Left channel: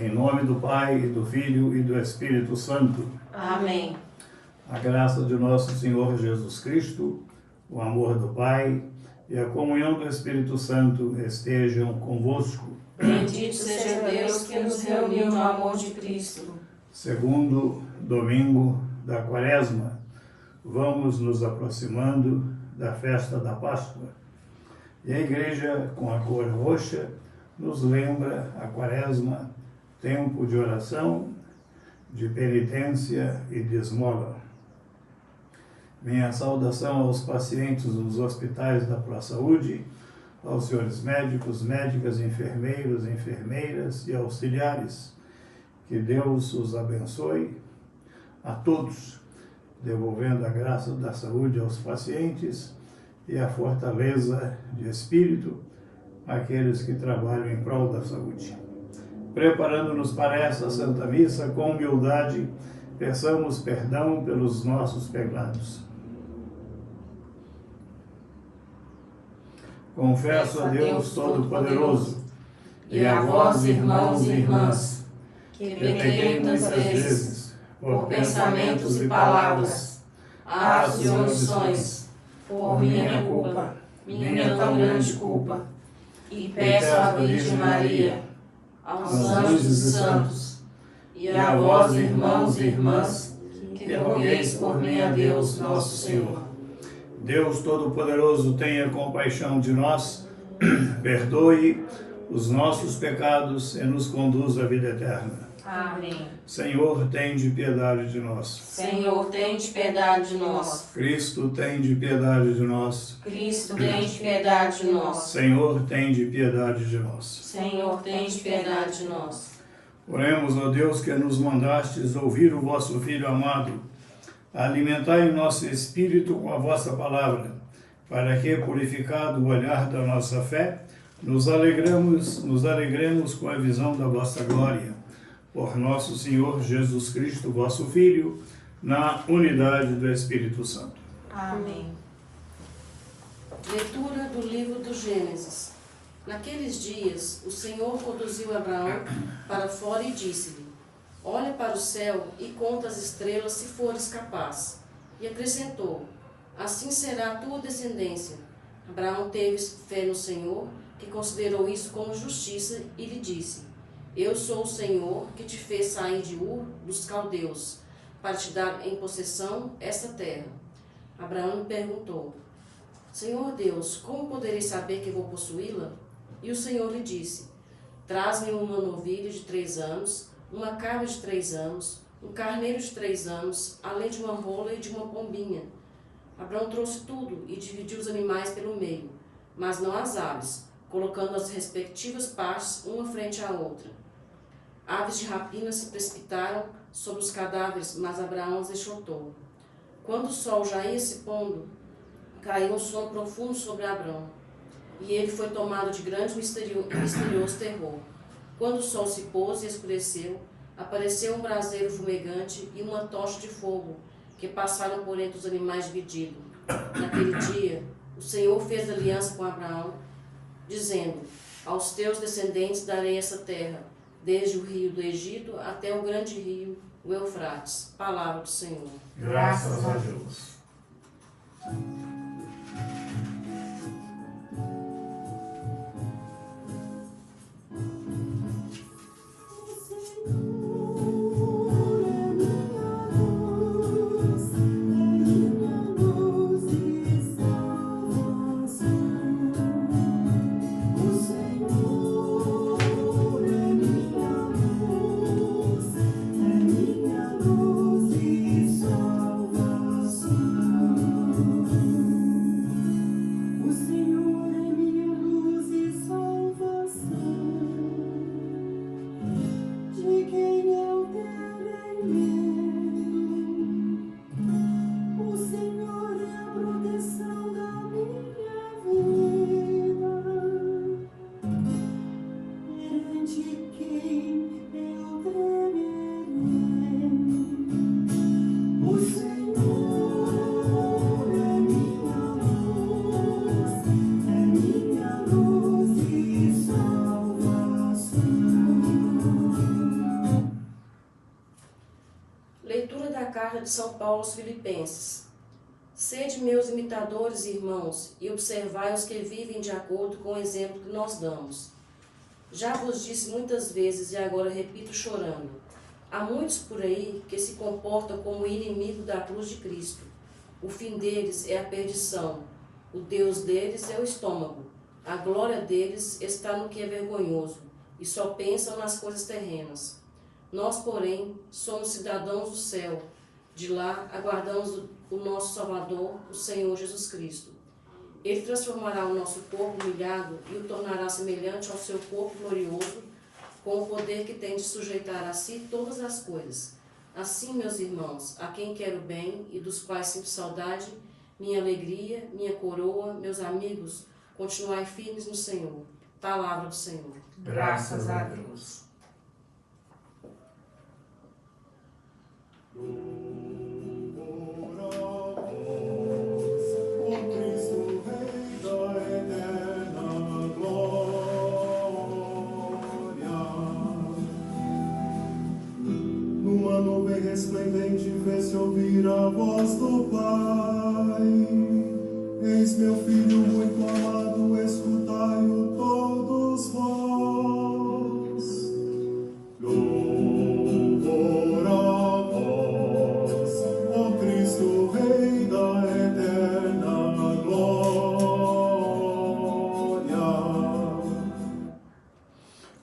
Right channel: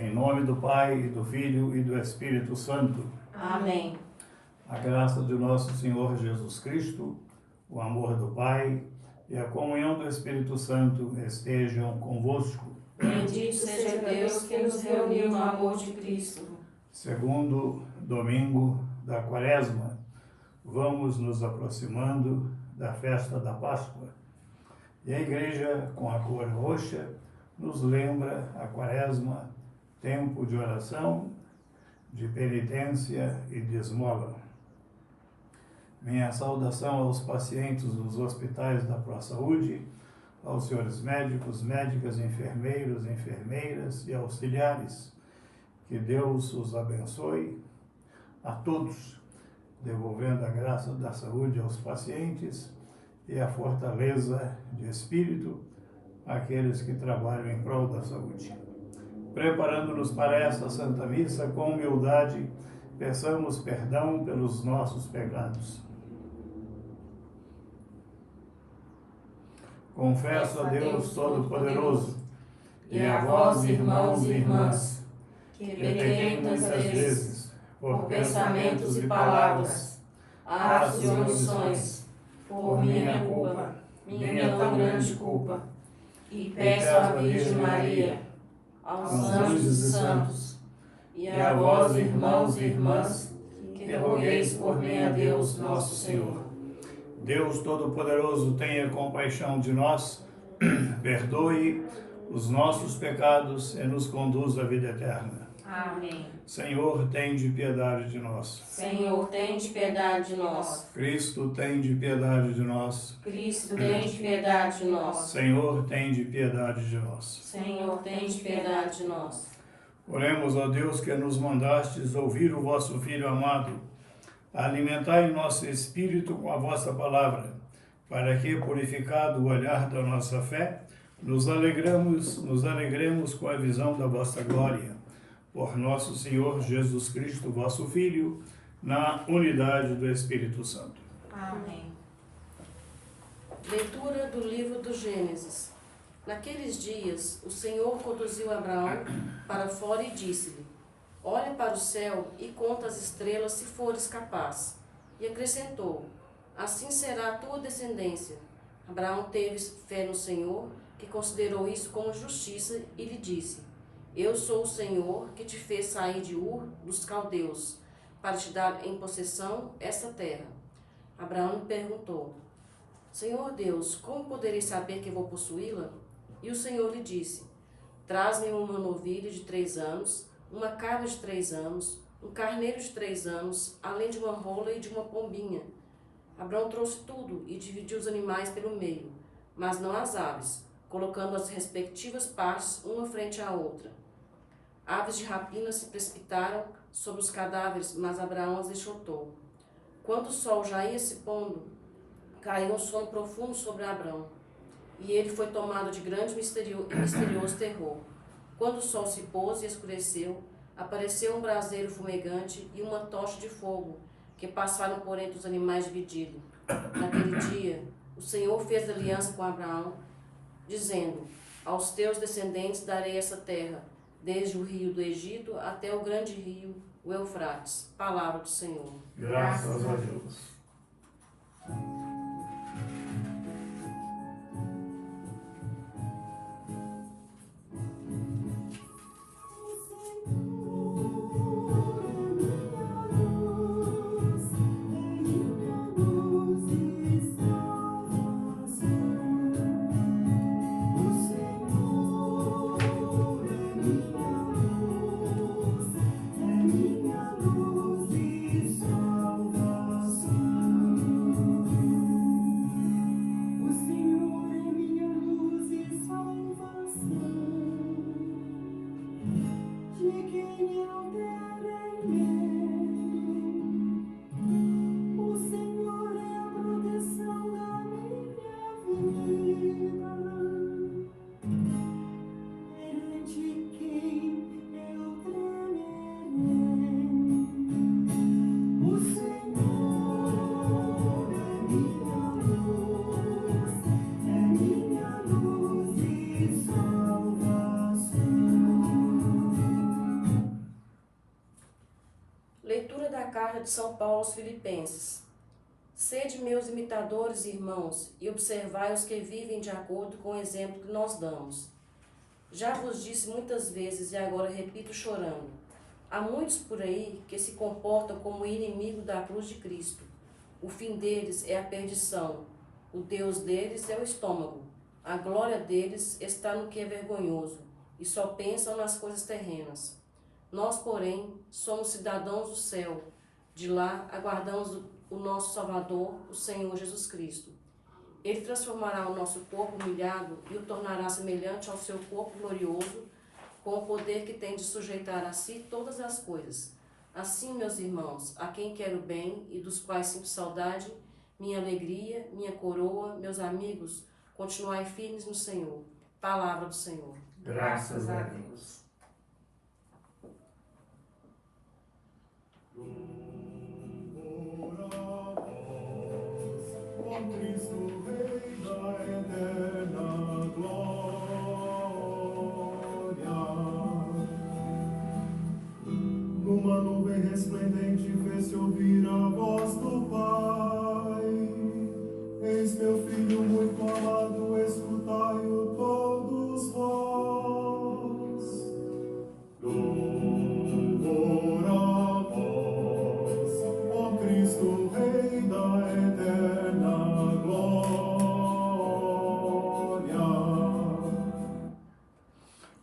Em nome do Pai, e do Filho e do Espírito Santo. Amém. A graça de nosso Senhor Jesus Cristo, o amor do Pai e a comunhão do Espírito Santo estejam convosco. Bendito seja Deus que nos reuniu no amor de Cristo. Segundo domingo da Quaresma, vamos nos aproximando da festa da Páscoa. E a Igreja, com a cor roxa, nos lembra a Quaresma, tempo de oração, de penitência e de esmola. Minha saudação aos pacientes nos hospitais da ProSaúde, aos senhores médicos, médicas, enfermeiros, enfermeiras e auxiliares. Que Deus os abençoe a todos, devolvendo a graça da saúde aos pacientes e a fortaleza de espírito àqueles que trabalham em prol da saúde. Preparando-nos para esta Santa Missa, com humildade, peçamos perdão pelos nossos pecados. Confesso a Deus Todo-Poderoso e a vós, irmãos e irmãs, que pequei muitas vezes, por pensamentos e palavras, atos e omissões, por minha culpa, minha tão grande culpa, e peço à Virgem Maria, aos anjos e santos, e a vós, irmãos e irmãs, que rogueis por mim a Deus nosso Senhor. Deus Todo-Poderoso, tenha compaixão de nós, perdoe os nossos pecados e nos conduza à vida eterna. Amém. Senhor, tende piedade de nós. Senhor, tende piedade de nós. Cristo, tende piedade de nós. Cristo, tende piedade de nós. Senhor, tende piedade de nós. Senhor, tende piedade de nós. Oremos, ó Deus, que nos mandastes ouvir o vosso Filho amado. Alimentai nosso espírito com a vossa palavra, para que, purificado o olhar da nossa fé, nos alegremos com a visão da vossa glória. Por nosso Senhor Jesus Cristo, vosso Filho, na unidade do Espírito Santo. Amém. Leitura do livro do Gênesis. Naqueles dias, o Senhor conduziu Abraão para fora e disse-lhe: olha para o céu e conta as estrelas, se fores capaz. E acrescentou: assim será a tua descendência. Abraão teve fé no Senhor, que considerou isso como justiça, e lhe disse: eu sou o Senhor que te fez sair de Ur dos caldeus, para te dar em possessão esta terra. Abraão lhe perguntou: Senhor Deus, como poderei saber que vou possuí-la? E o Senhor lhe disse: traz-me uma novilha de 3 anos, uma cabra de 3 anos, um carneiro de 3 anos, além de uma rola e de uma pombinha. Abraão trouxe tudo e dividiu os animais pelo meio, mas não as aves, colocando as respectivas partes uma frente à outra. Aves de rapina se precipitaram sobre os cadáveres, mas Abraão as enxotou. Quando o sol já ia se pondo, caiu um sono profundo sobre Abraão, e ele foi tomado de grande e misterioso terror. Quando o sol se pôs e escureceu, apareceu um braseiro fumegante e uma tocha de fogo, que passaram por entre os animais divididos. Naquele dia, o Senhor fez aliança com Abraão, dizendo: aos teus descendentes darei essa terra, desde o rio do Egito até o grande rio, o Eufrates. Palavra do Senhor. Graças a Deus. de São Paulo aos Filipenses. Sede meus imitadores, irmãos, e observai os que vivem de acordo com o exemplo que nós damos. Já vos disse muitas vezes, e agora repito chorando, há muitos por aí que se comportam como inimigo da cruz de Cristo. O fim deles é a perdição, o Deus deles é o estômago, a glória deles está no que é vergonhoso, e só pensam nas coisas terrenas. Nós, porém, somos cidadãos do céu. De lá aguardamos o nosso Salvador, o Senhor Jesus Cristo. Ele transformará o nosso corpo humilhado e o tornará semelhante ao seu corpo glorioso, com o poder que tem de sujeitar a si todas as coisas. Assim, meus irmãos, a quem quero bem e dos quais sinto saudade, minha alegria, minha coroa, meus amigos, continuai firmes no Senhor. Palavra do Senhor. Graças a Deus. Numa nuvem resplendente fez-se ouvir a voz do Pai. Eis meu filho muito amado, escutai-o todos vós. Louvor a vós, ó Cristo, Rei da eterna glória.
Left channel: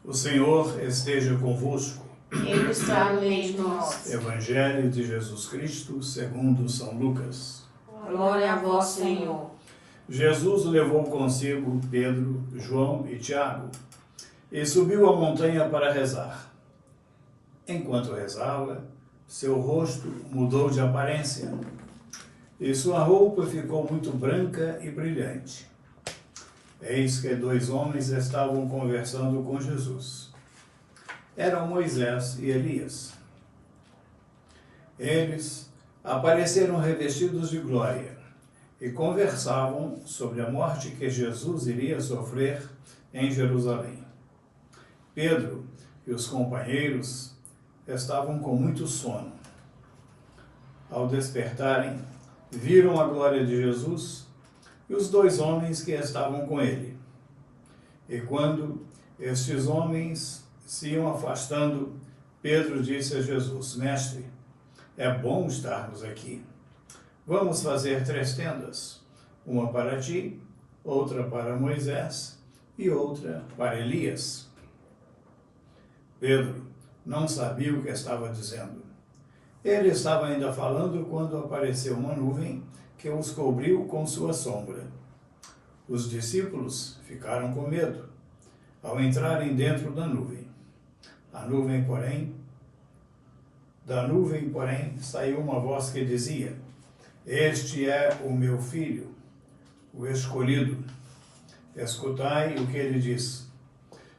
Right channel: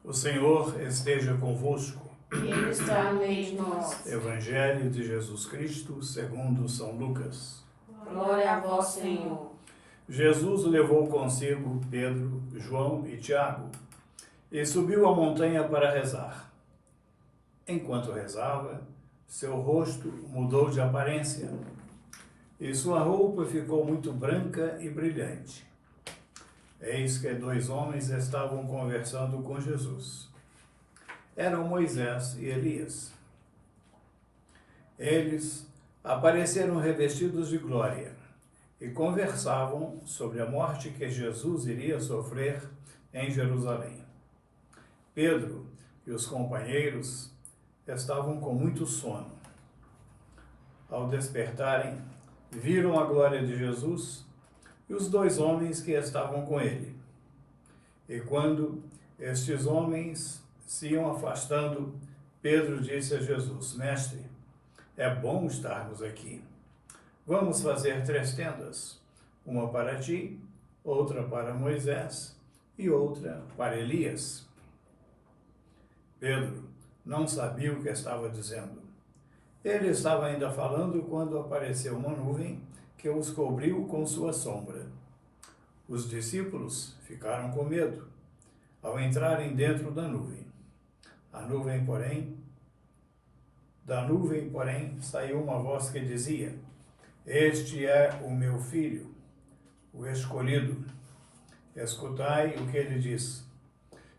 O Senhor esteja convosco. Ele está no meio de nós. Evangelho de Jesus Cristo, segundo São Lucas. Glória a vós, Senhor. Jesus levou consigo Pedro, João e Tiago e subiu a montanha para rezar. Enquanto rezava, seu rosto mudou de aparência e sua roupa ficou muito branca e brilhante. Eis que 2 homens estavam conversando com Jesus. Eram Moisés e Elias. Eles apareceram revestidos de glória e conversavam sobre a morte que Jesus iria sofrer em Jerusalém. Pedro e os companheiros estavam com muito sono. Ao despertarem, viram a glória de Jesus e os 2 homens que estavam com ele. E quando estes homens se iam afastando, Pedro disse a Jesus: Mestre, é bom estarmos aqui. Vamos fazer 3 tendas, uma para ti, outra para Moisés e outra para Elias. Pedro não sabia o que estava dizendo. Ele estava ainda falando quando apareceu uma nuvem que os cobriu com sua sombra. Os discípulos ficaram com medo ao entrarem dentro da nuvem. Da nuvem, porém, saiu uma voz que dizia: Este é o meu filho, o escolhido. Escutai o que ele diz.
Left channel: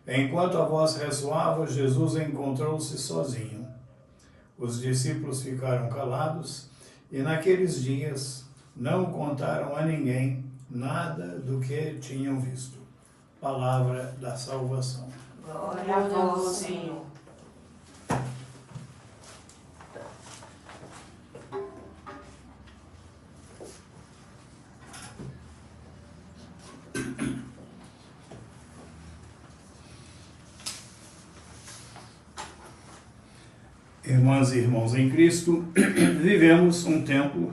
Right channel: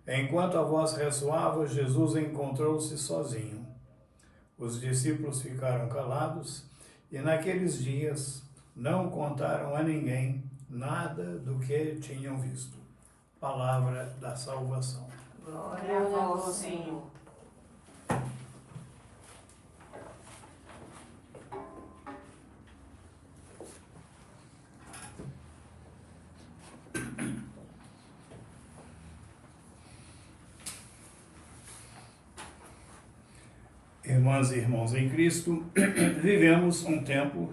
Enquanto a voz ressoava, Jesus encontrou-se sozinho. Os discípulos ficaram calados e naqueles dias não contaram a ninguém nada do que tinham visto. Palavra da salvação. Glória a vós, Senhor. Irmãs e irmãos em Cristo, vivemos um tempo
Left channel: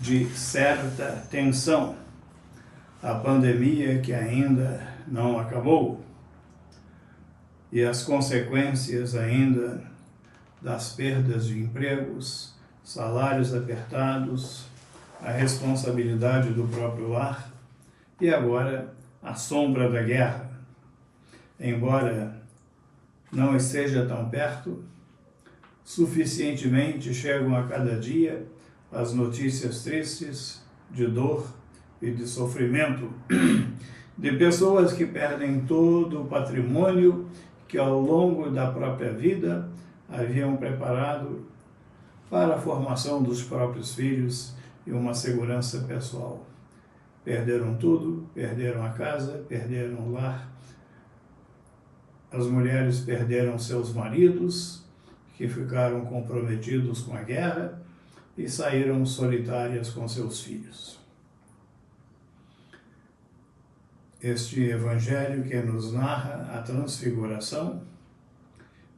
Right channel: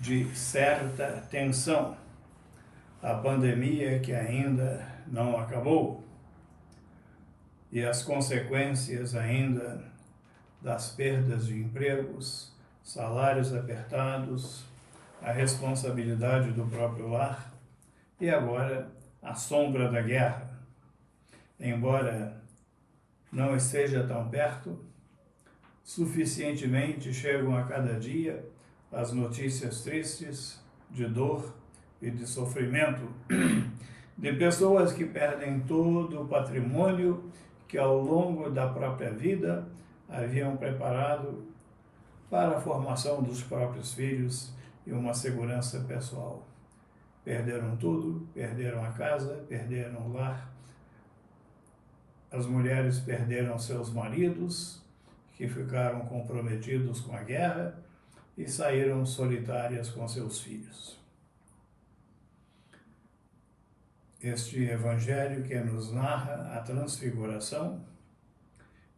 de certa tensão. A pandemia que ainda não acabou e as consequências ainda das perdas de empregos, salários apertados, a responsabilidade do próprio lar e agora a sombra da guerra. Embora não esteja tão perto, suficientemente chegam a cada dia as notícias tristes de dor e de sofrimento, de pessoas que perdem todo o patrimônio que ao longo da própria vida haviam preparado para a formação dos próprios filhos e uma segurança pessoal. Perderam tudo, perderam a casa, perderam o lar. As mulheres perderam seus maridos, que ficaram comprometidos com a guerra, e saíram solitárias com seus filhos. Este evangelho que nos narra a transfiguração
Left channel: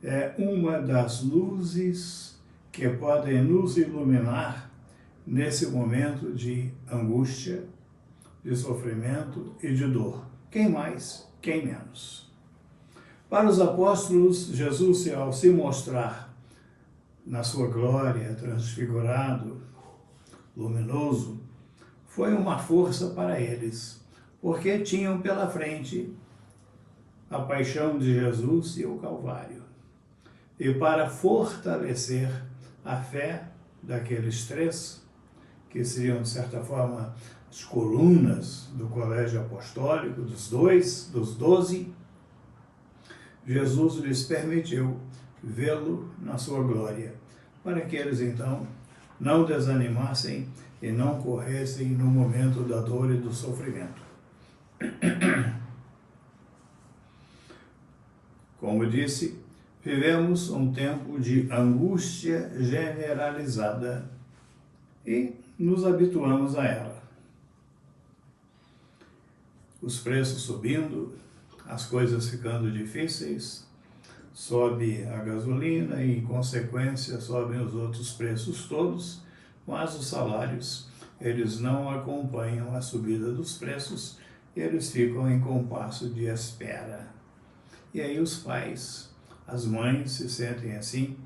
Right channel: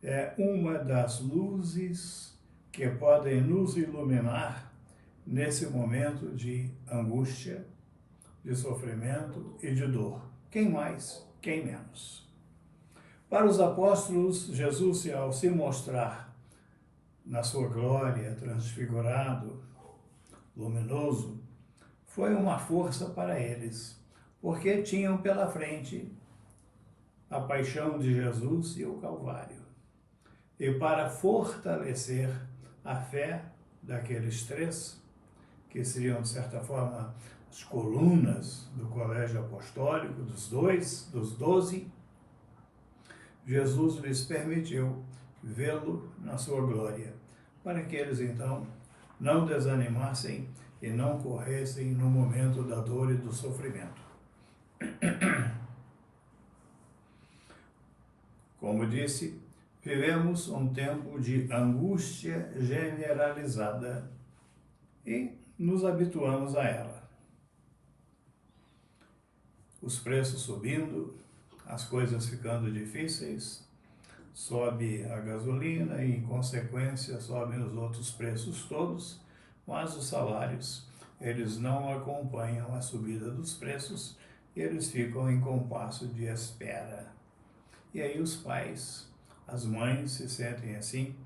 é uma das luzes que podem nos iluminar nesse momento de angústia, de sofrimento e de dor. Quem mais, quem menos. Para os apóstolos, Jesus, ao se mostrar na sua glória, transfigurado, luminoso, foi uma força para eles, porque tinham pela frente a paixão de Jesus e o Calvário. E para fortalecer a fé daqueles três, que seriam, de certa forma, as colunas do colégio apostólico, dos 12, Jesus lhes permitiu vê-lo na sua glória, para que eles, então, não desanimassem e não corressem no momento da dor e do sofrimento. Como disse, vivemos um tempo de angústia generalizada e nos habituamos a ela. Os preços subindo, as coisas ficando difíceis, sobe a gasolina e, em consequência, sobem os outros preços todos, mas os salários, eles não acompanham a subida dos preços, eles ficam em compasso de espera. E aí os pais, as mães se sentem assim,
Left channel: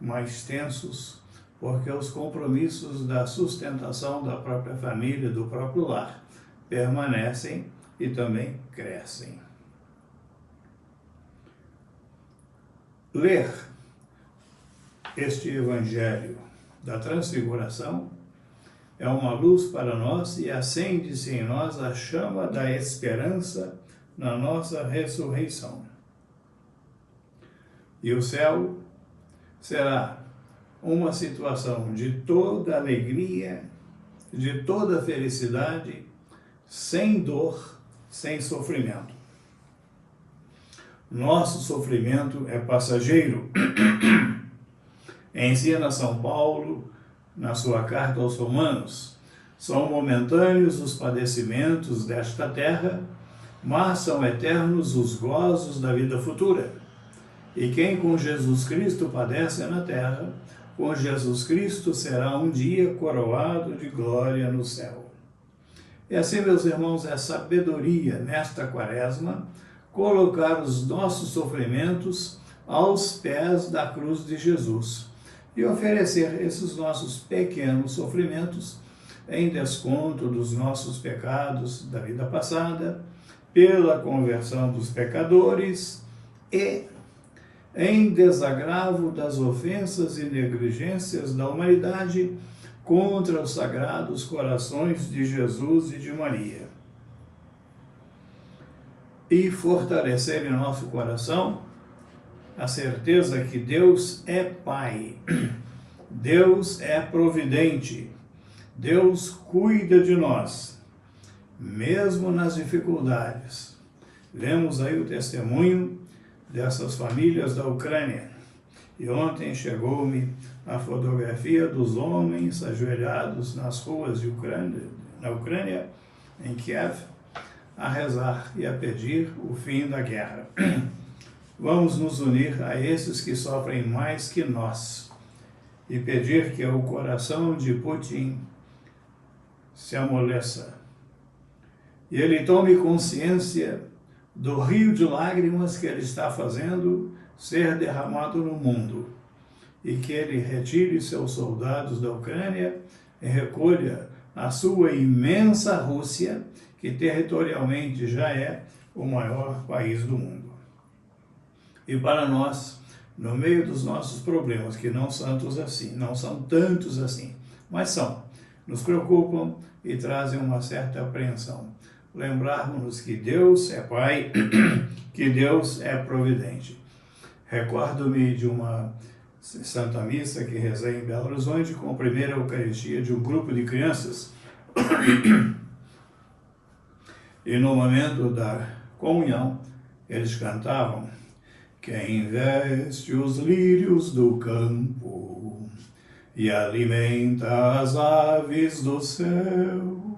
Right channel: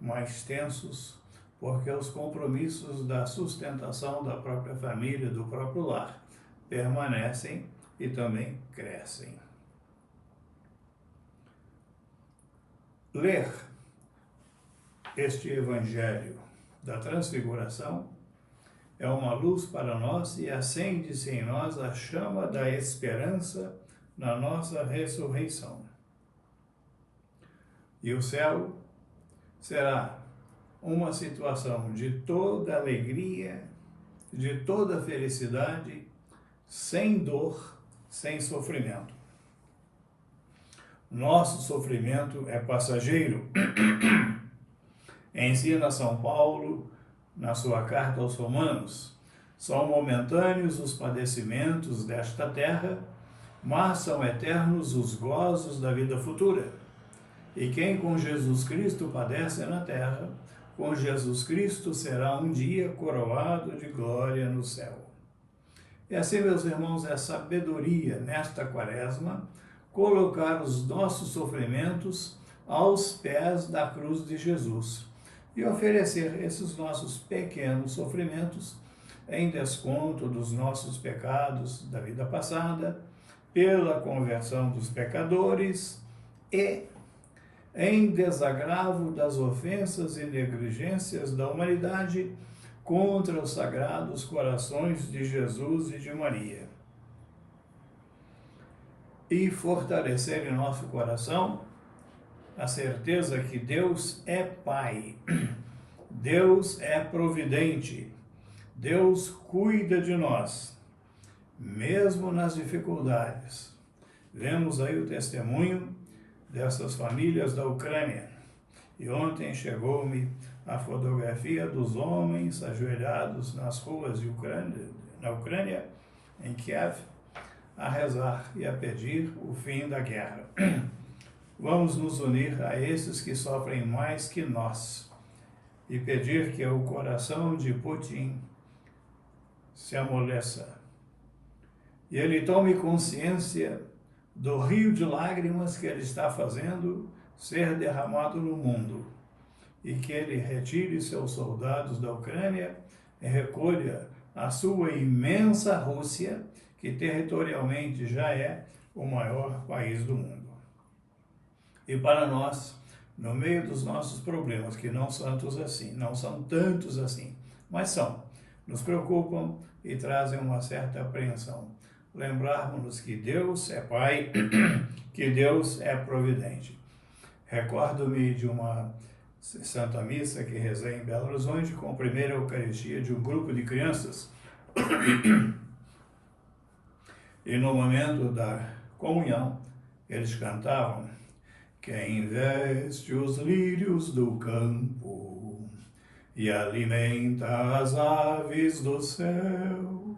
mais tensos, porque os compromissos da sustentação da própria família, do próprio lar, permanecem e também crescem. Ler este Evangelho da Transfiguração é uma luz para nós e acende-se em nós a chama da esperança na nossa ressurreição. E o céu será uma situação de toda alegria, de toda felicidade, sem dor, sem sofrimento. Nosso sofrimento é passageiro. Ensina São Paulo na sua carta aos Romanos. São momentâneos os padecimentos desta terra, mas são eternos os gozos da vida futura. E quem com Jesus Cristo padece na terra, com Jesus Cristo será um dia coroado de glória no céu. E assim, meus irmãos, é sabedoria nesta quaresma colocar os nossos sofrimentos aos pés da cruz de Jesus e oferecer esses nossos pequenos sofrimentos em desconto dos nossos pecados da vida passada, pela conversão dos pecadores e em desagravo das ofensas e negligências da humanidade contra os sagrados corações de Jesus e de Maria. E fortalecer em nosso coração a certeza que Deus é Pai, Deus é providente, Deus cuida de nós, mesmo nas dificuldades. Vemos aí o testemunho dessas famílias da Ucrânia. E ontem chegou-me a fotografia dos homens ajoelhados nas ruas na Ucrânia, em Kiev, a rezar e a pedir o fim da guerra. Vamos nos unir a esses que sofrem mais que nós e pedir que o coração de Putin se amoleça e ele tome consciência do rio de lágrimas que ele está fazendo ser derramado no mundo e que ele retire seus soldados da Ucrânia e recolha a sua imensa Rússia, que territorialmente já é o maior país do mundo. E para nós, no meio dos nossos problemas, que não são tantos assim, mas nos preocupam e trazem uma certa apreensão. Lembrarmos-nos que Deus é Pai, que Deus é providente. Recordo-me de uma Santa Missa que rezei em Belo Horizonte com a primeira Eucaristia de um grupo de crianças. E no momento da comunhão, eles cantavam: quem veste os lírios do campo e alimenta as aves do céu.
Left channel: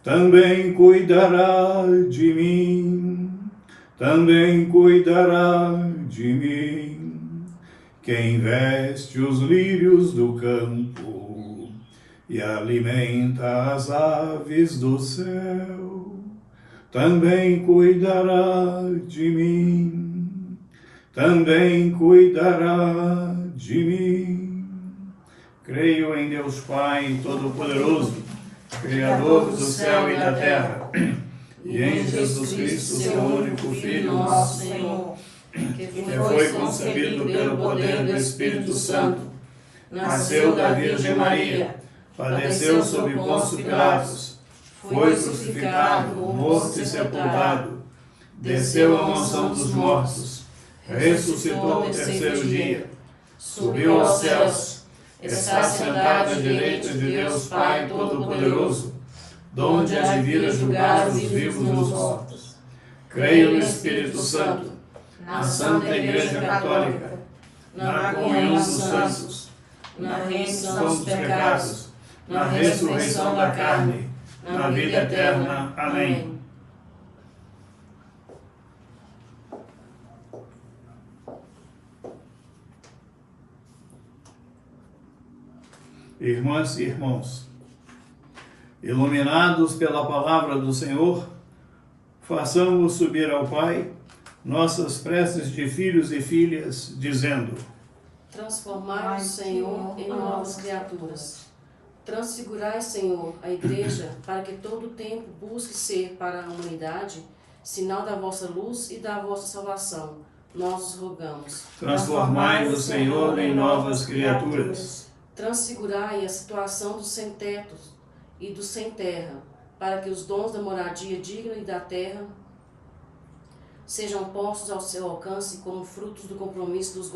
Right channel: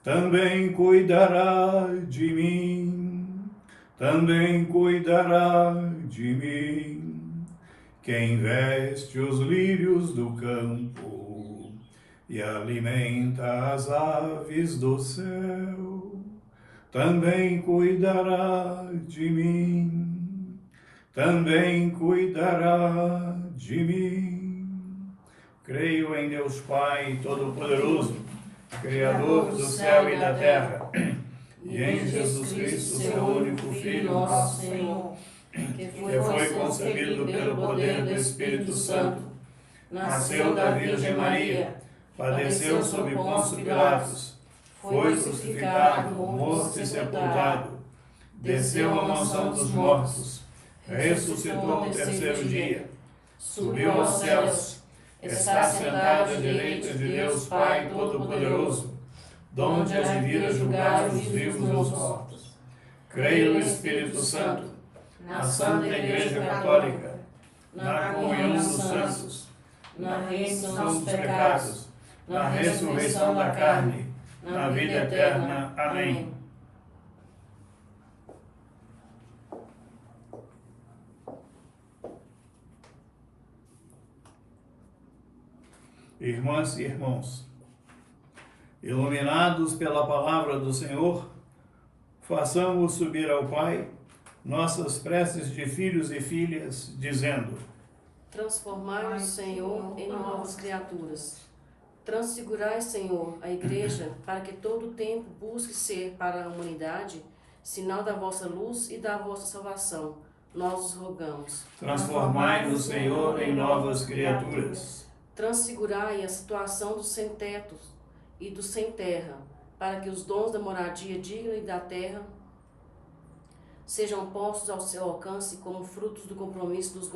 Também cuidará de mim, também cuidará de mim. Quem veste os lírios do campo e alimenta as aves do céu, também cuidará de mim, também cuidará de mim. Creio em Deus Pai Todo-Poderoso, Criador do céu e da terra, e em Jesus Cristo, seu único Filho, nosso Senhor, que foi concebido pelo poder do Espírito Santo, nasceu da Virgem Maria, padeceu sob Pôncio Pilatos, foi crucificado, morto e sepultado, desceu à mansão dos mortos, ressuscitou no terceiro dia, subiu aos céus, está sentado à direita de Deus Pai Todo-Poderoso, donde há de vir a julgar os vivos e os mortos. Creio no Espírito Santo, na Santa Igreja Católica, na comunhão dos santos, na remissão dos pecados, na ressurreição da carne, na vida eterna. Amém. Irmãs e irmãos, iluminados pela palavra do Senhor, façamos subir ao Pai nossas preces de filhos e filhas, dizendo: Transformai-nos, Senhor, em novas criaturas. Transfigurai, Senhor, a Igreja, para que todo o tempo busque ser para a humanidade sinal da vossa luz e da vossa salvação. Nós os rogamos. Transformai-nos, Senhor, em novas criaturas. Transfigurai a situação dos sem-tetos e dos sem-terra, para que os dons da moradia digna e da terra sejam postos ao seu alcance como frutos do compromisso dos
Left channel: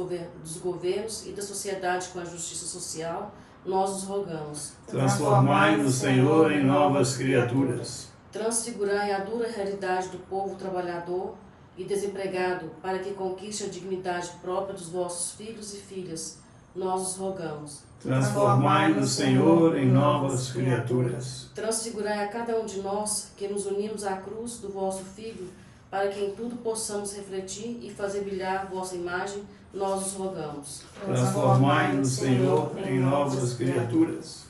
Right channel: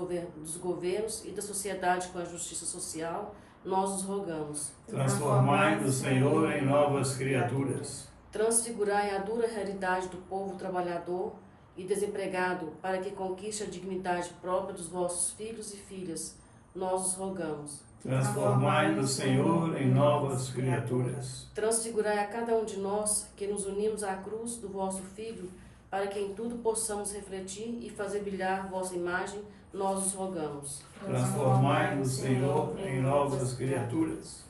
governos e da sociedade com a justiça social. Nós os rogamos. Transformai-nos, Senhor, em novas criaturas. Transfigurai a dura realidade do povo trabalhador e desempregado, para que conquiste a dignidade própria dos vossos filhos e filhas. Nós os rogamos. Transformai-nos, Senhor, em novas criaturas. Transfigurai a cada um de nós que nos unimos à cruz do vosso Filho, para que em tudo possamos refletir e fazer brilhar vossa imagem. Nós os rogamos. Transformai-nos, Senhor, em novas criaturas.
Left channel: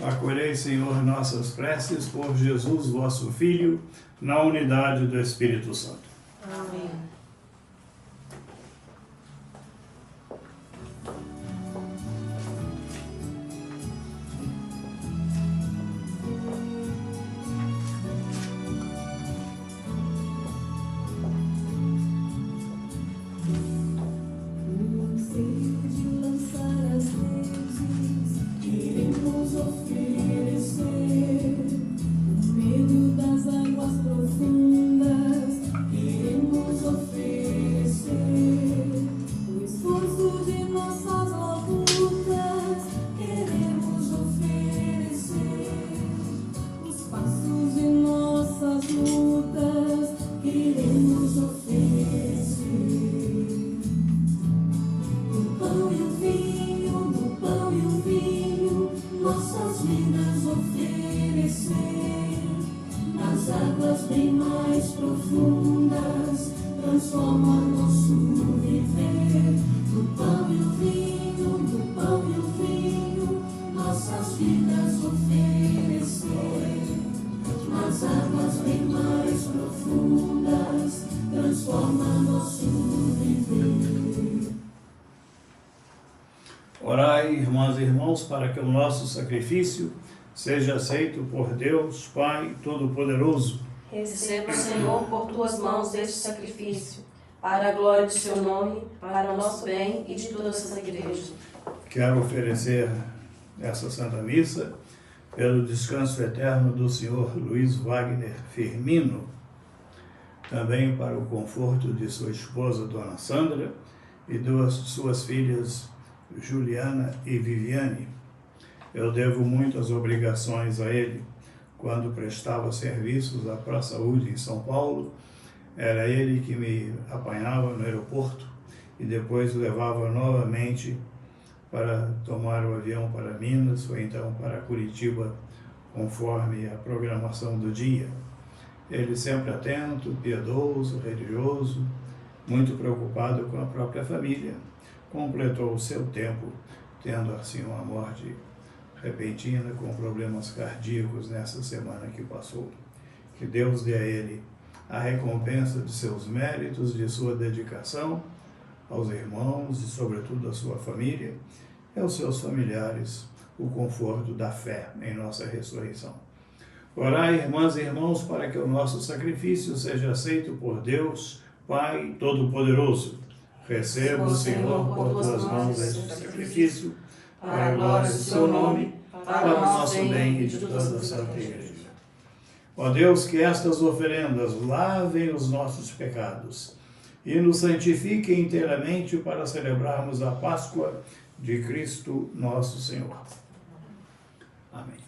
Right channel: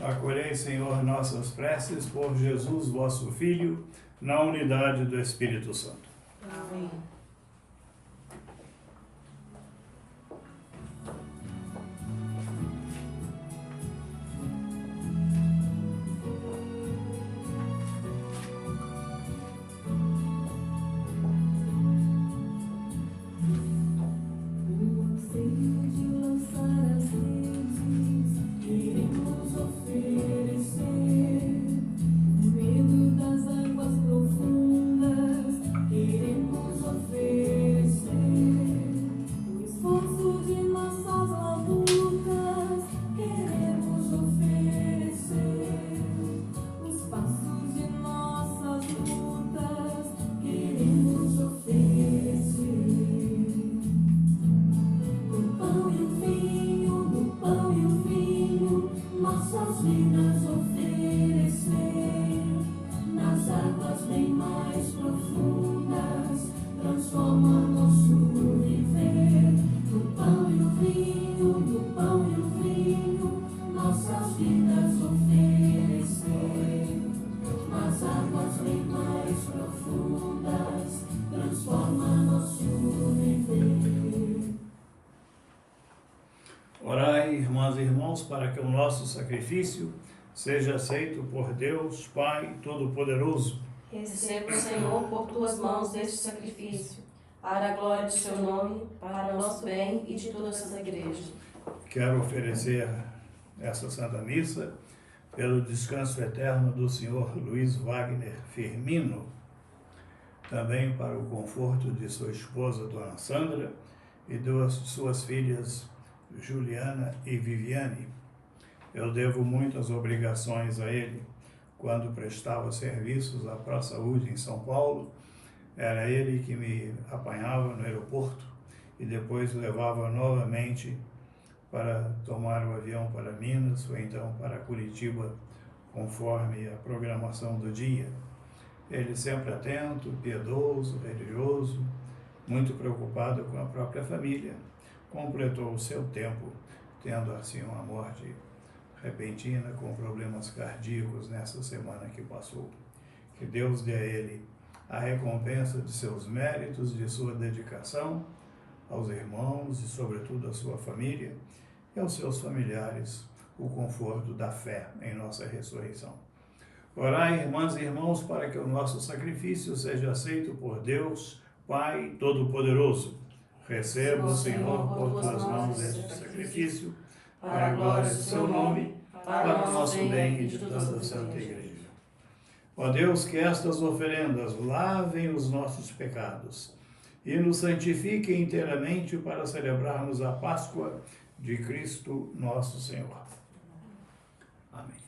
Acolhei, Senhor, nossas preces por Jesus, vosso Filho, na unidade do Espírito Santo. Amém. Orai, irmãs e irmãos, para que o nosso sacrifício seja aceito por Deus, Pai Todo-Poderoso. Receba, Senhor, por tuas mãos este sacrifício, para a glória de seu nome, para o nosso bem e de toda a Santa Igreja. Quero oferecer essa Santa Missa pelo descanso eterno do Senhor Luiz Wagner Firmino, também para o conforto de sua esposa, Dona Sandra, e de suas filhas, Juliana e Viviane. Eu devo muitas obrigações a ele. Quando prestava serviços à ProSaúde em São Paulo, era ele que me apanhava no aeroporto e depois levava novamente para tomar o avião para Minas ou então para Curitiba, conforme a programação do dia. Ele sempre atento, piedoso, religioso, muito preocupado com a própria família, completou o seu tempo, tendo assim uma morte repentina com problemas cardíacos nessa semana que passou. Que Deus dê a ele a recompensa de seus méritos, de sua dedicação aos irmãos e sobretudo à sua família e aos seus familiares, o conforto da fé em nossa ressurreição. Orai, irmãs e irmãos, para que o nosso sacrifício seja aceito por Deus, Pai Todo-Poderoso. Receba o Senhor por tuas mãos este sacrifício, para a glória do seu nome, para o nosso bem e de toda a Santa Igreja. Ó Deus, que estas oferendas lavem os nossos pecados e nos santifiquem inteiramente para celebrarmos a Páscoa de Cristo nosso Senhor. Amém.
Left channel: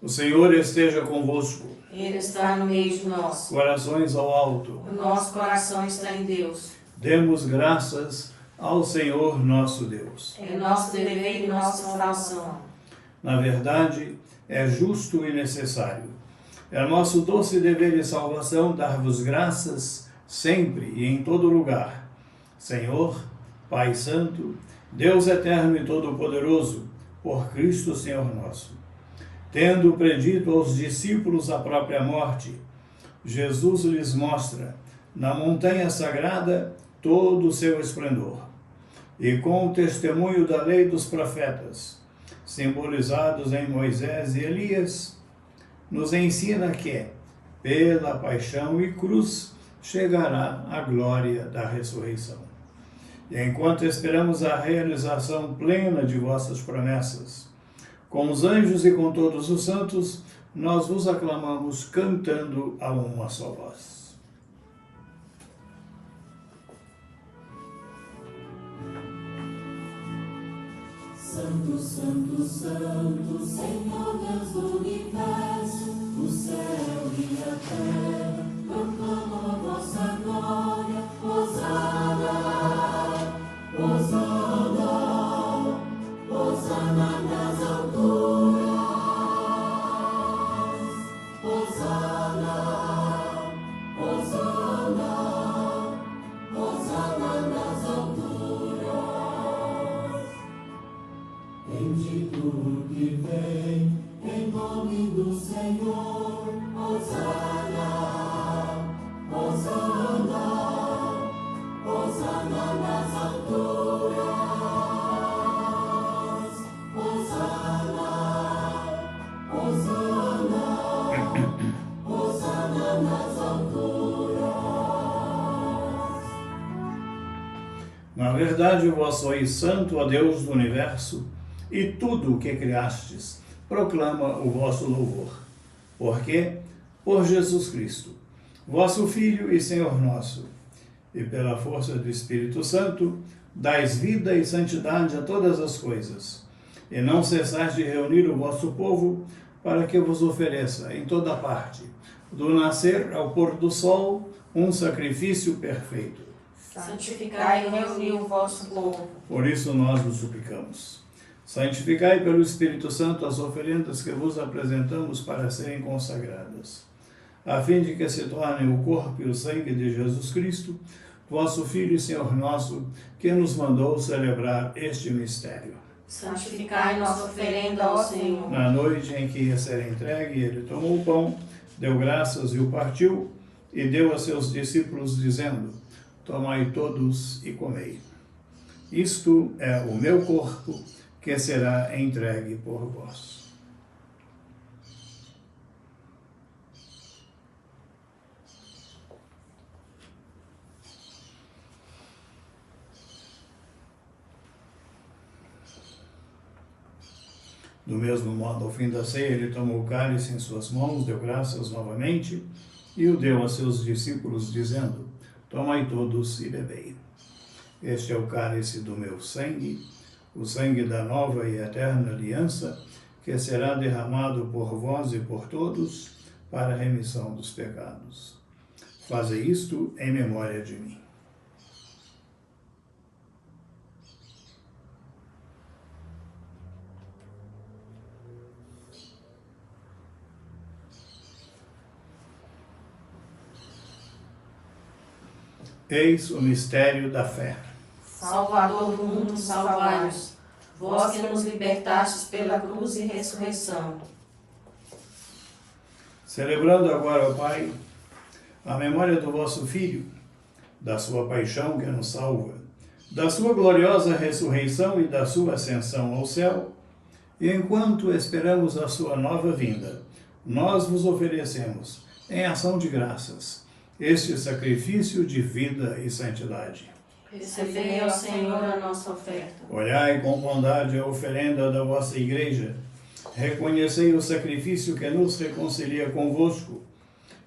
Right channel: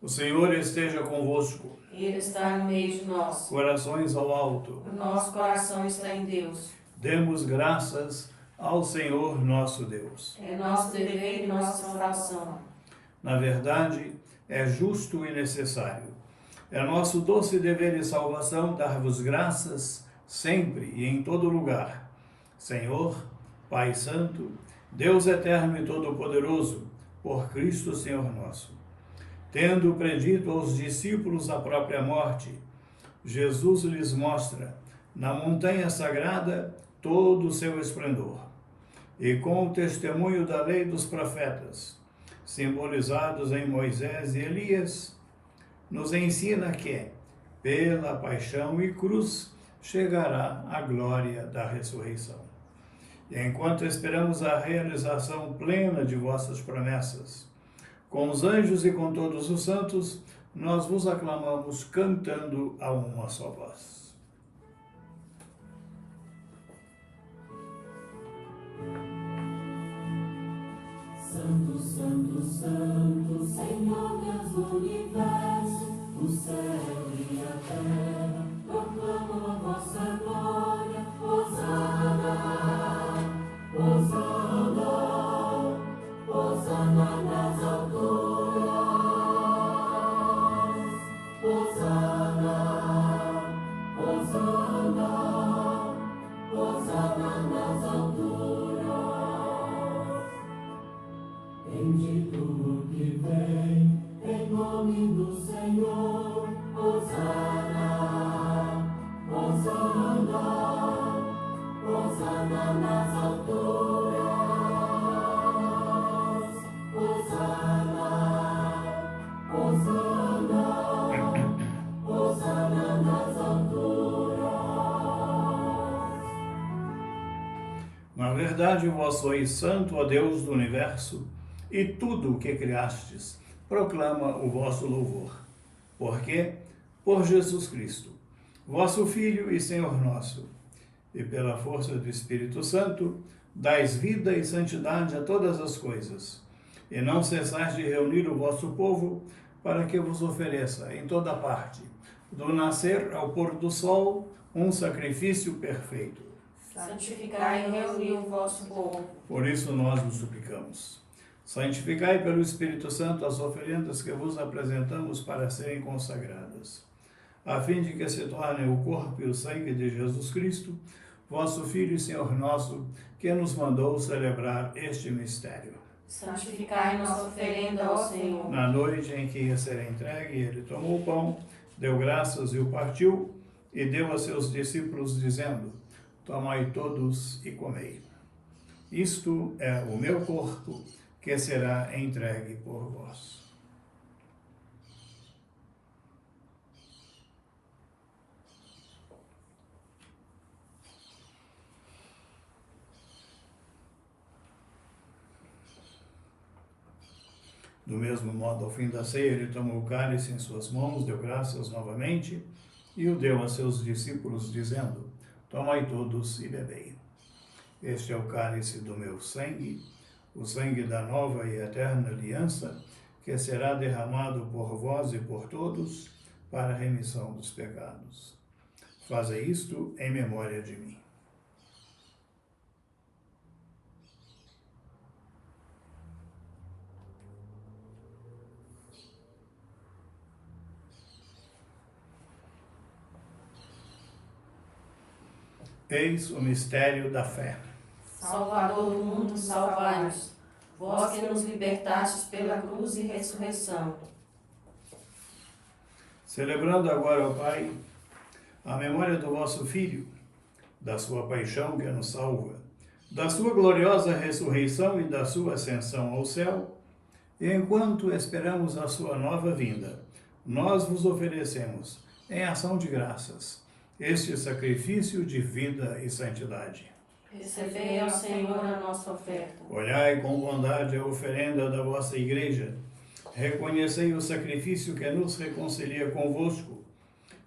O Senhor esteja convosco. Ele está no meio de nós. Corações ao alto. O nosso coração está em Deus. Demos graças ao Senhor nosso Deus. É nosso dever e nossa oração. Na verdade, é justo e necessário. É nosso doce dever e salvação dar-vos graças sempre e em todo lugar. Senhor, Pai Santo, Deus eterno e todo-poderoso, por Cristo Senhor nosso. Tendo predito aos discípulos a própria morte, Jesus lhes mostra, na montanha sagrada, todo o seu esplendor. E com o testemunho da lei dos profetas, simbolizados em Moisés e Elias, nos ensina que, pela paixão e cruz, chegará a glória da ressurreição. E enquanto esperamos a realização plena de vossas promessas, com os anjos e com todos os santos, nós vos aclamamos cantando a uma só voz. Santo, Santo, Santo, Senhor Deus do universo, o céu e a terra proclamam a vossa glória. Hosana, Hosana, Hosana nas alturas. Hosana, Hosana, Hosana nas alturas. Bendito o que vem, em nome do Senhor. Hosana, Hosana, Hosana nas alturas. Hosana, Hosana, Hosana nas alturas. Na verdade, vós sois santo, ó Deus do universo, e tudo o que criastes proclama o vosso louvor. Porque, por Jesus Cristo, vosso Filho e Senhor nosso, e pela força do Espírito Santo, dais vida e santidade a todas as coisas, e não cessais de reunir o vosso povo, para que vos ofereça em toda parte, do nascer ao pôr do sol, um sacrifício perfeito. Santificai e reuni o vosso povo. Por isso nós vos suplicamos. Santificai pelo Espírito Santo as oferendas que vos apresentamos para serem consagradas, a fim de que se tornem o corpo e o sangue de Jesus Cristo, vosso Filho e Senhor nosso, que nos mandou celebrar este mistério. Santificai nossa oferenda ao Senhor. Na noite em que ia ser entregue, ele tomou o pão, deu graças e o partiu, e deu a seus discípulos, dizendo: tomai todos e comei. Isto é o meu corpo, que será entregue por vós. Do mesmo modo, ao fim da ceia, ele tomou o cálice em suas mãos, deu graças novamente e o deu a seus discípulos, dizendo: tomai todos e bebei. Este é o cálice do meu sangue, o sangue da nova e eterna aliança, que será derramado por vós e por todos para a remissão dos pecados. Fazei isto em memória de mim. Eis o mistério da fé. Salvador do mundo, salvai-nos. Vós que nos libertastes pela cruz e ressurreição. Celebrando agora, ó Pai, a memória do vosso Filho, da sua paixão que nos salva, da sua gloriosa ressurreição e da sua ascensão ao céu, e enquanto esperamos a sua nova vinda, nós vos oferecemos, em ação de graças, este sacrifício de vida e santidade. Recebei ao Senhor a nossa oferta. Olhai com bondade a oferenda da vossa Igreja, reconhecei o sacrifício que nos reconcilia convosco,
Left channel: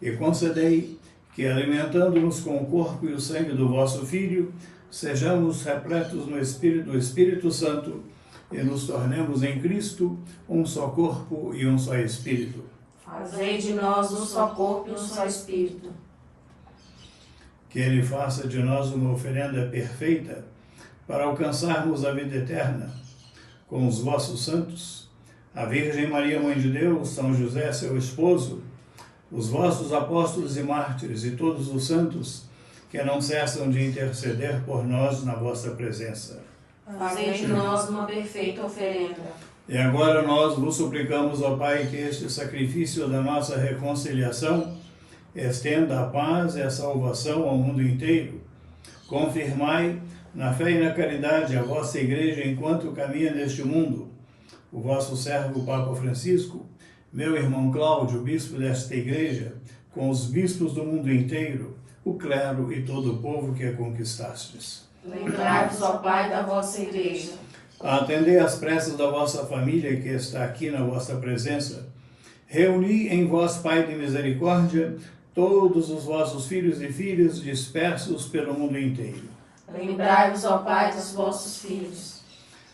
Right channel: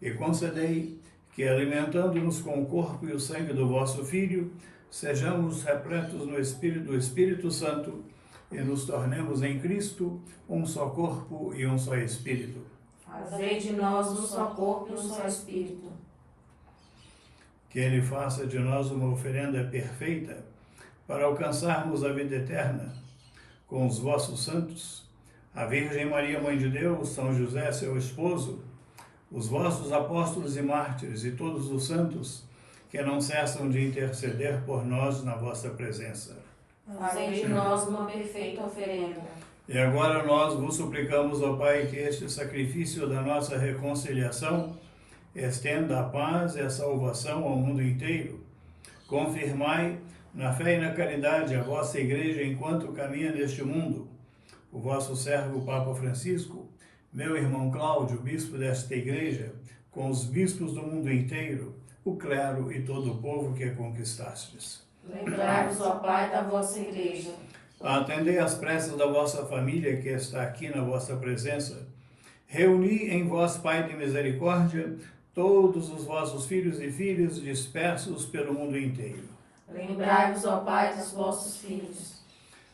e concedei que, alimentando-nos com o corpo e o sangue do vosso Filho, sejamos repletos no Espírito do Espírito Santo e nos tornemos em Cristo um só corpo e um só Espírito. Fazei de nós um só corpo e um só Espírito. Que Ele faça de nós uma oferenda perfeita para alcançarmos a vida eterna com os vossos santos, a Virgem Maria, Mãe de Deus, São José, seu esposo, os vossos apóstolos e mártires e todos os santos que não cessam de interceder por nós na vossa presença. Fazei de nós uma perfeita oferenda. E agora nós vos suplicamos, ó Pai, que este sacrifício da nossa reconciliação estenda a paz e a salvação ao mundo inteiro. Confirmai na fé e na caridade a vossa Igreja enquanto caminha neste mundo. O vosso servo Papa Francisco, meu irmão Cláudio, bispo desta Igreja, com os bispos do mundo inteiro, o clero e todo o povo que a conquistastes. Lembrai-vos, ó Pai, da vossa Igreja. Atendei às preces da vossa família que está aqui na vossa presença. Reuni em vós, Pai de misericórdia, todos os vossos filhos e filhas dispersos pelo mundo inteiro. Lembrai-vos, ó Pai, dos vossos filhos.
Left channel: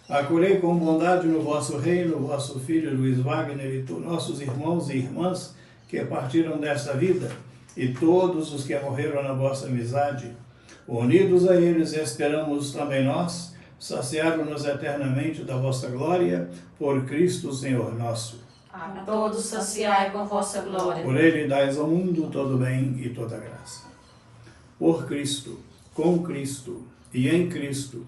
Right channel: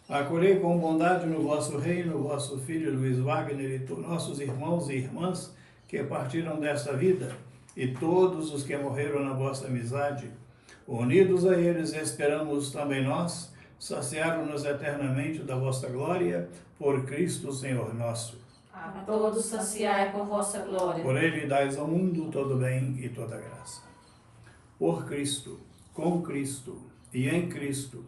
Acolhei com bondade no vosso reino o vosso filho Luiz Wagner e nossos irmãos e irmãs que partiram desta vida e todos os que morreram na vossa amizade. Unidos a eles, esperamos também nós, saciar-nos eternamente da vossa glória, por Cristo Senhor nosso. A todos saciai com vossa glória. Por Ele dais ao mundo todo bem e toda graça. Por Cristo, com Cristo e em Cristo,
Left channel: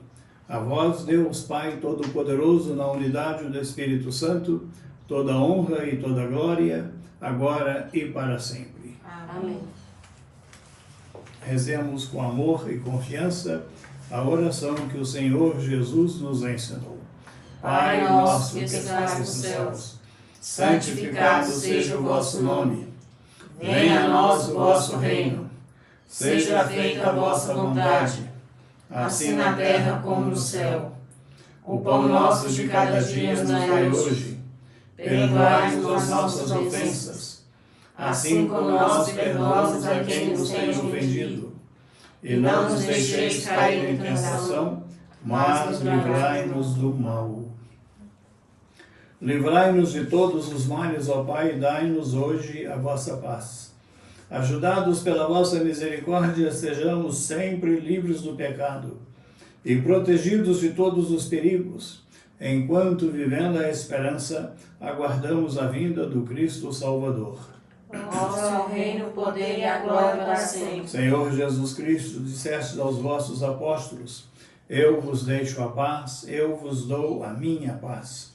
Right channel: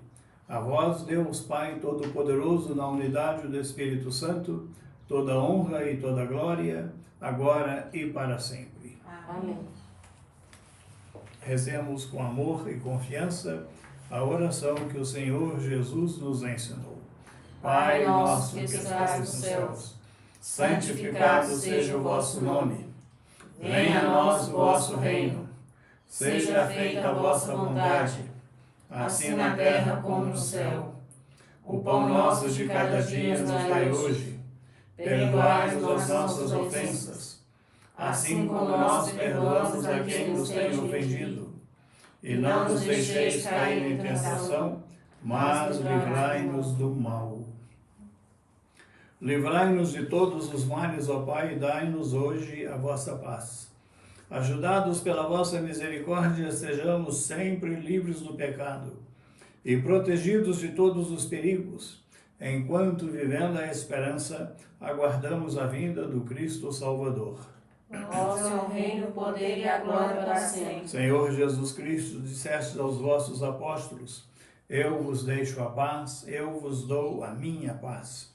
a vós, Deus Pai Todo-Poderoso, na unidade do Espírito Santo, toda honra e toda glória, agora e para sempre. Amém. Rezemos com amor e confiança a oração que o Senhor Jesus nos ensinou. Pai nosso que estás nos céus, santificado seja o vosso nome. Venha a nós o vosso reino. Seja feita a vossa vontade, assim na terra como no céu. O pão nosso de cada dia nos dai hoje. Perdoai-nos as nossas ofensas, assim como nós perdoamos a quem nos tem ofendido. E não nos deixeis cair em tentação, mas livrai-nos do mal. Livrai-nos de todos os males, ó Pai, e dai-nos hoje a vossa paz. Ajudados pela vossa misericórdia, sejamos sempre livres do pecado e protegidos de todos os perigos, enquanto, vivendo a esperança, aguardamos a vinda do Cristo Salvador. Vosso é o reino, o poder e a glória para sempre. Senhor Jesus Cristo, disseste aos vossos apóstolos: eu vos deixo a paz, eu vos dou a minha paz.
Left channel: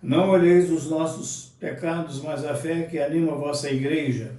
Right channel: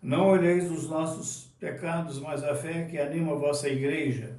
Não olheis os nossos pecados, mas a fé que anima a vossa Igreja.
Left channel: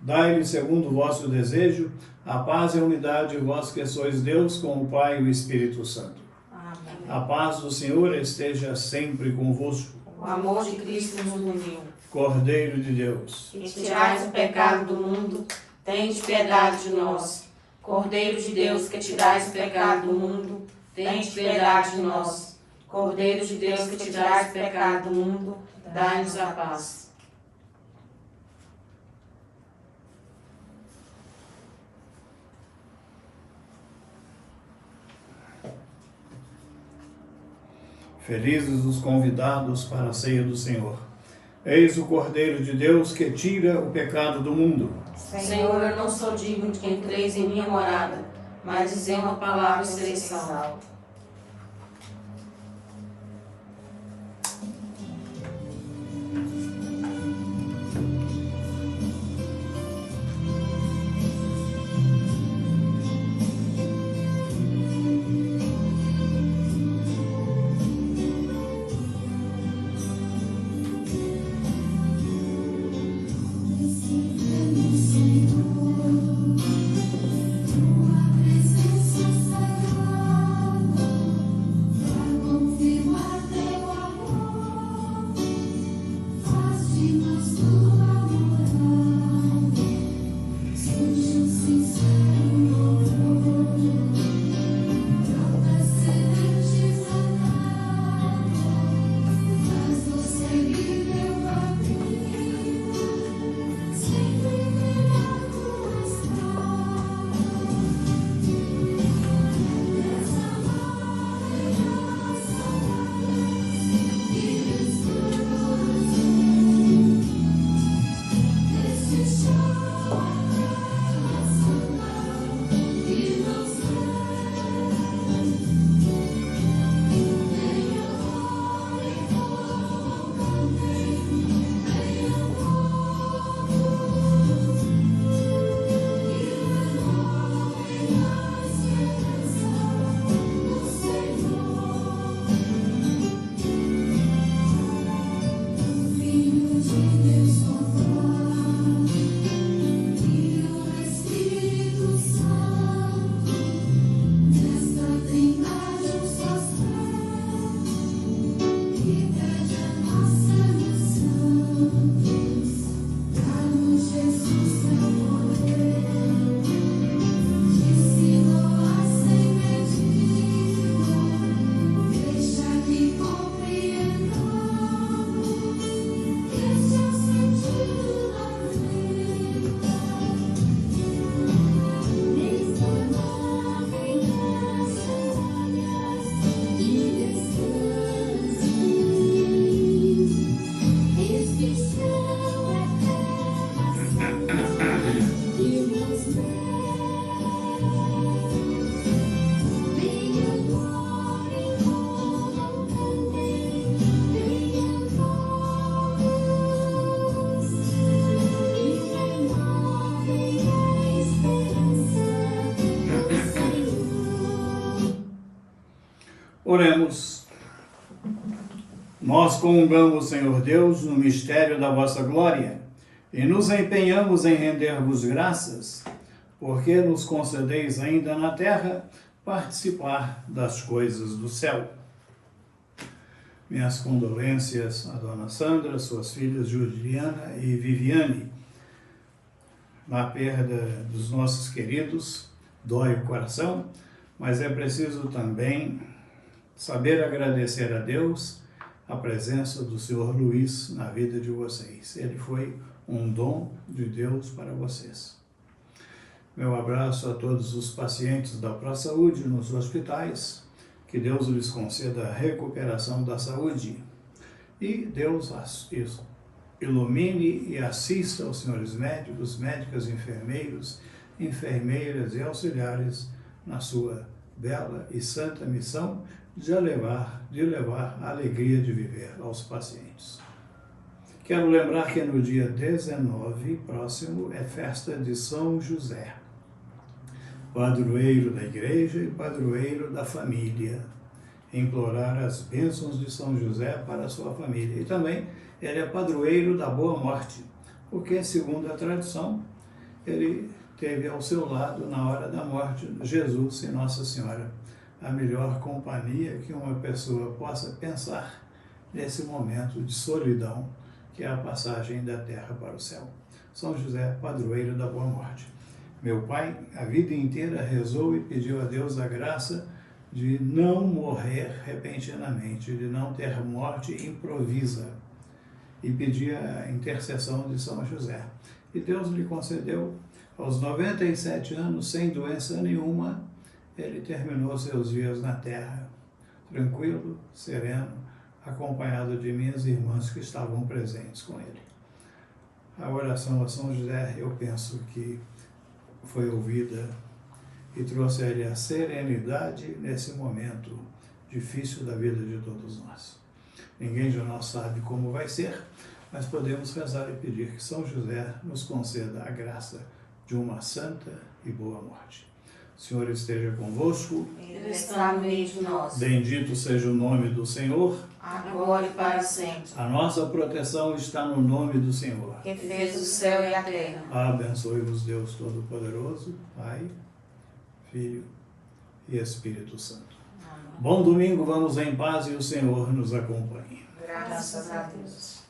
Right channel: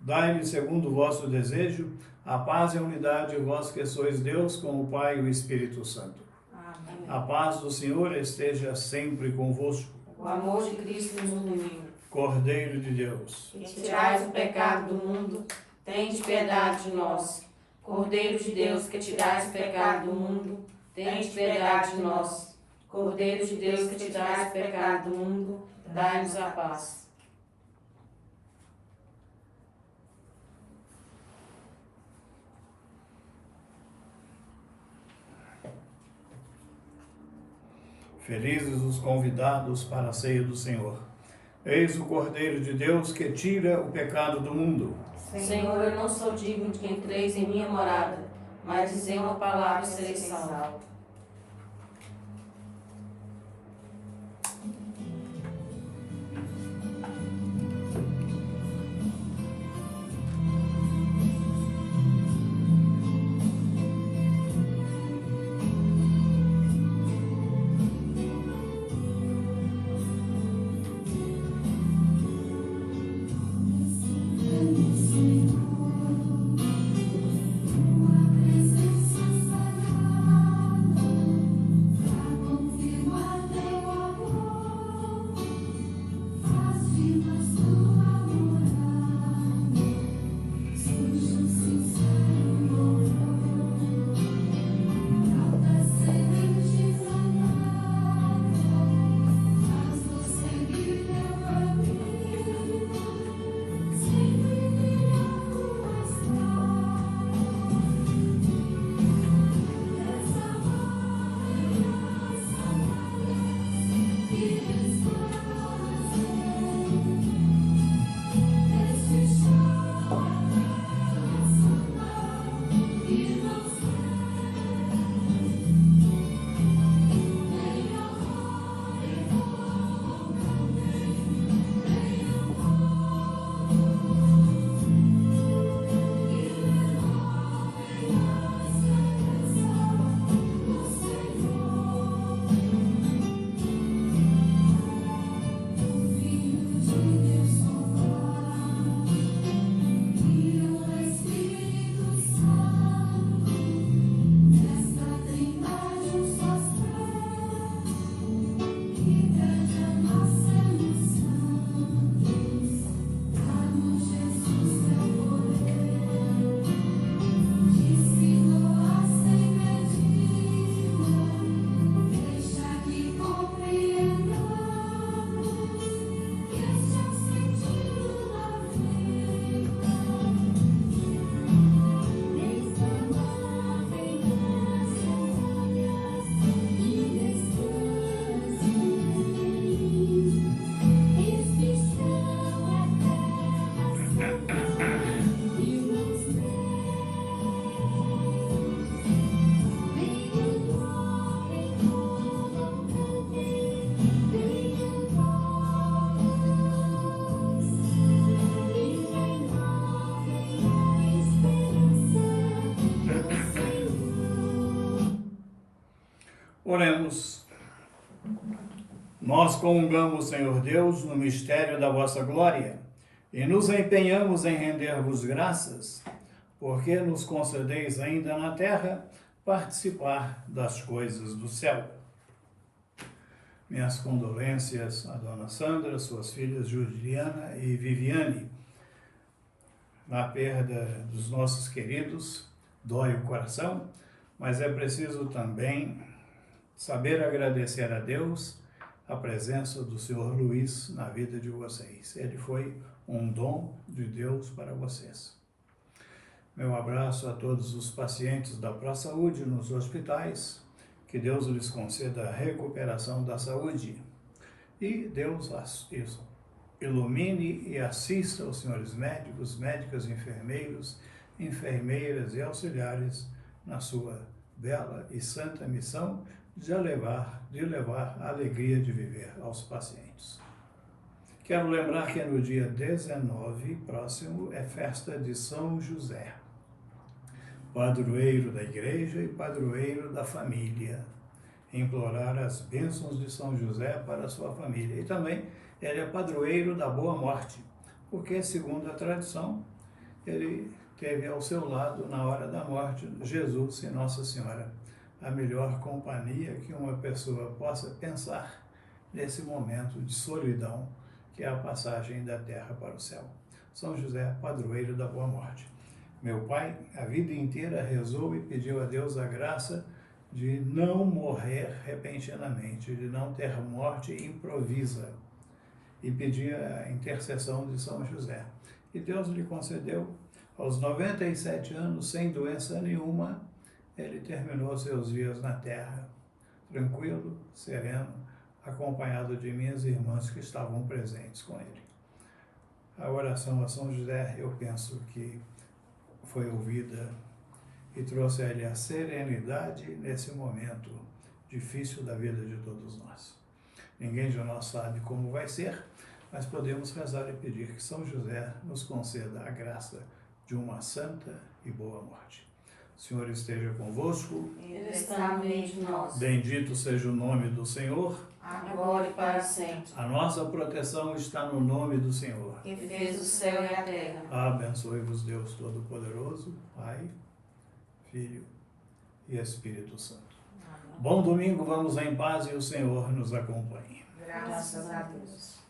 Dai-lhe, segundo o vosso desejo, a paz e a unidade, vós que sois Deus, com o Pai e o Espírito Santo. Amém. A paz do Senhor esteja sempre convosco. O amor de Cristo nos uniu. Cordeiro de Deus, Que tirais o pecado do mundo, tende piedade de nós. Cordeiro de Deus, que tirais o pecado do mundo, tende piedade de nós. Cordeiro de Deus, que tirais o pecado do mundo, dai-nos a paz. felizes os convidados para a ceia do Senhor. Eis o Cordeiro de Deus que tira o pecado do mundo. Senhor, eu não sou digno de que entreis em minha morada, mas dizei uma palavra e serei salvo. Oremos. Nós comungamos, Senhor Deus, no mistério da vossa glória e nos empenhamos em render-vos graças, porque nos concedeis ainda na terra participar das coisas do céu. Minhas condolências à dona Sandra, suas filhas Juliana e Viviane. Na perda dos nossos queridos, dói o coração, mas é preciso também saber agradecer a Deus a presença do Senhor Luiz na vida de vocês. Ele foi um dom de Deus para vocês. Meu abraço a todos os pacientes da ProSaúde nos hospitais. Que Deus lhes conceda a recuperação da saúde. E Deus ilumine e assista os senhores médicos, médicas, enfermeiros, enfermeiras e auxiliares na sua bela e santa missão de levar a alegria de viver aos pacientes. Quero lembrar que no dia 19, próximo, é festa de São José, padroeiro da igreja e padroeiro da família. Implorar as bênçãos de São José para a sua família. E também ele é padroeiro da boa morte, porque, segundo a tradição, ele teve ao seu lado, na hora da morte, Jesus e Nossa Senhora. A melhor companhia que uma pessoa possa pensar nesse momento de solidão, que é a passagem da terra para o céu. São José, padroeiro da boa morte. Meu pai, a vida inteira, rezou e pediu a Deus a graça de não morrer repentinamente, de não ter morte improvisa, e pedia a intercessão de São José. E Deus lhe concedeu, aos 97 anos, sem doença nenhuma, ele terminou seus dias na terra, tranquilo, sereno, acompanhado de minhas irmãs que estavam presentes com ele. A oração a São José, eu penso que foi ouvida e trouxe a ele a serenidade nesse momento difícil da vida de todos nós. Ninguém de nós sabe como vai ser, mas podemos rezar e pedir que São José nos conceda a graça de uma santa e boa morte. O Senhor esteja convosco. Ele está no meio de nós. Bendito seja o nome do Senhor. Agora e para sempre. A nossa proteção está no nome do Senhor. Que fez o céu e a terra. Abençoe-vos Deus Todo-Poderoso, Pai, Filho e Espírito Santo. Bom domingo, vamos em paz e o Senhor nos acompanhe. Graças a Deus.